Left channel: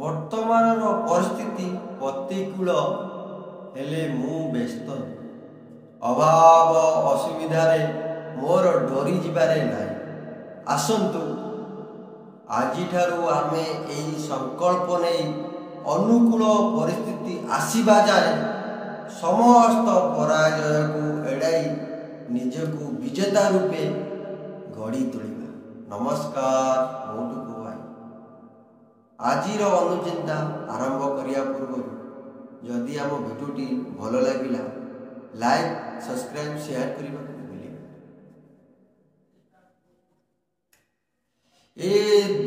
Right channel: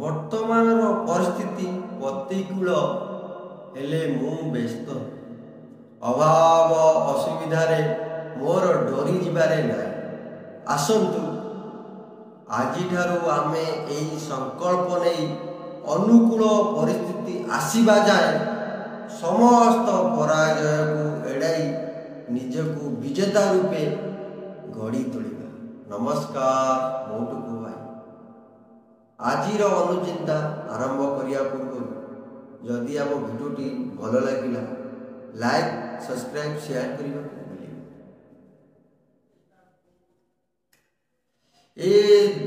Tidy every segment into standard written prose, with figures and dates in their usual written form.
ବର୍ତ୍ତମାନର ପରିସ୍ଥିତି ପ୍ରତିକୂଳ ହେଲେ ମୁଁ ବ୍ୟସ୍ତ ଅଭାବ ଅସୁବିଧାରେ ମୋର ଡରି ଯିବାରେ ନାହିଁ। ଆସନ୍ତୁ ଆଜିଠାରୁ ଆମେ ଏହି ସଂକଳ୍ପ ନେଇ ଅନୁକୂଳ ପରିସ୍ଥିତି ଆସିବା ଯାଏ ସମସ୍ତ ପରାଜୟକୁ ଏଡ଼ାଇ ନିଜକୁ ବିଜେତା ରୂପେ ଗଢ଼ି ତୋଳିବା। ନମସ୍କାର, ମୁଁ ଟୁକୁ ଭାଇ। ଆଜିର ଅନୁଚିନ୍ତା ଆରମ୍ଭ କରିବା ପୂର୍ବରୁ ଯଦି ଆମ ଭିଡ଼ିଓଟି ଭଲ ଲାଗିଲା ଲାଇକ୍, ସବସ୍କ୍ରାଇବ୍, ସେୟାର କରିବାକୁ ଭୁଲିବେ। ଏ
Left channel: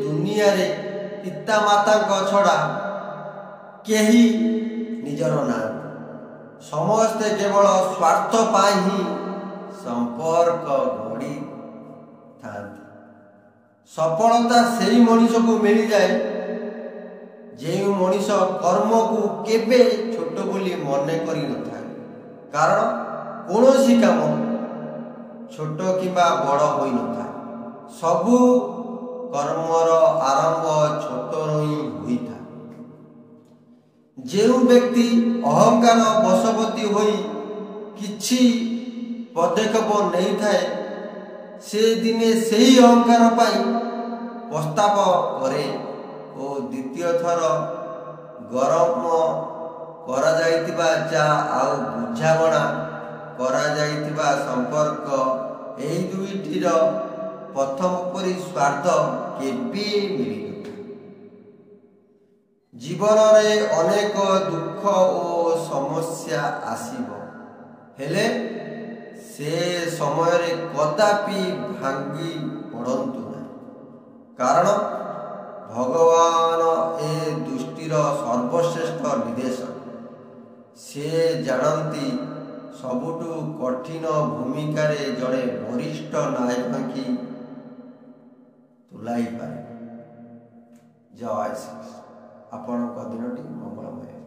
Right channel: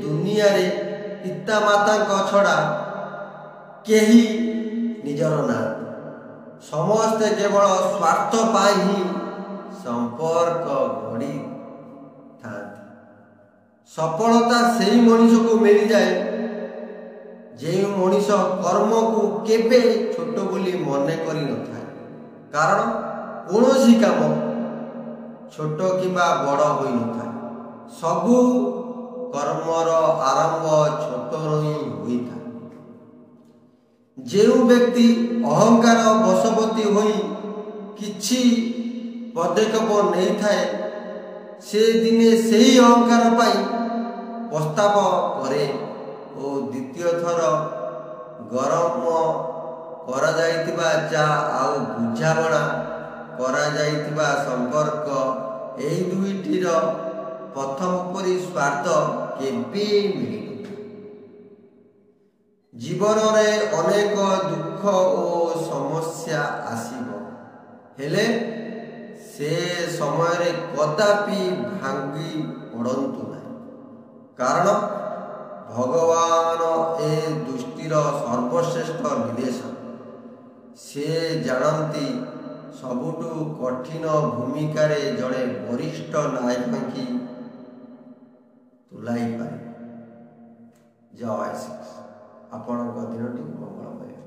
ଦୁନିଆରେ ପିତାମାତାଙ୍କ ଛଡ଼ା କେହି ନିଜର ନାହାନ୍ତି। ସମସ୍ତେ କେବଳ ସ୍ୱାର୍ଥ ପାଇଁ ହିଁ ସମ୍ପର୍କ ଗଢ଼ିଥାନ୍ତି। ସଫଳତା ସେହି ମଣିଷକୁ ମିଳିଯାଏ ଯେଉଁ ମଣିଷ କର୍ମକୁ କେବେ ଛୋଟ ବୋଲି ମନେ କରିନଥାଏ। କାରଣ କୌଣସି କାମ ଛୋଟ କିମ୍ବା ବଡ଼ ହୋଇନଥାଏ। ସବୁ କର୍ମର ଆରମ୍ଭ ଛୋଟରୁ ହିଁ ହୋଇଥାଏ। ଯେଉଁ ବ୍ୟକ୍ତି ଅହଙ୍କାର ବଶବର୍ତ୍ତୀ ହୋଇ କିଛି ପଦକ୍ଷେପ ନେଇଥାଏ ସେ ଦିନେ ସେହି ଅହଙ୍କାର ପାଇଁ ପସ୍ତାବ କରେ ଓ ଦ୍ୱିତୀୟ ଥର ଗରମ କରାଯାଇଥିବା ଚା' ଆଉ ବୁଝାମଣା କରାଯାଇଥିବା ସମ୍ପର୍କ ଏହି ଦୁଇଟିର ପ୍ରଥମ ପରି ସ୍ୱାଦ କେବେ ମିଳିନଥାଏ। ଜୀବନରେ ଅନେକ ଦୁଃଖ ଓ ସମସ୍ୟା ଆସିବ, ହେଲେ ସେ ସମୟରେ କଦାପି ଭାଙ୍ଗି ପଡ଼ନ୍ତୁ ନାହିଁ। କାରଣ ଭଗବାନ ଏ ସୃଷ୍ଟିର ସର୍ବଶ୍ରେଷ୍ଠ ନିର୍ଦ୍ଦେଶକ। ସେ ଜାଣନ୍ତି ସବୁଠୁ କଠିନ ଭୂମିକାରେ ଜଣେ ବରିଷ୍ଠ ନାୟକ ହିଁ ତୁଲାଇ ପାରିବେ। ଜୟ ଶ୍ରୀ। ଆପଣଙ୍କ ଦିନଟି ମଙ୍ଗଳମୟ।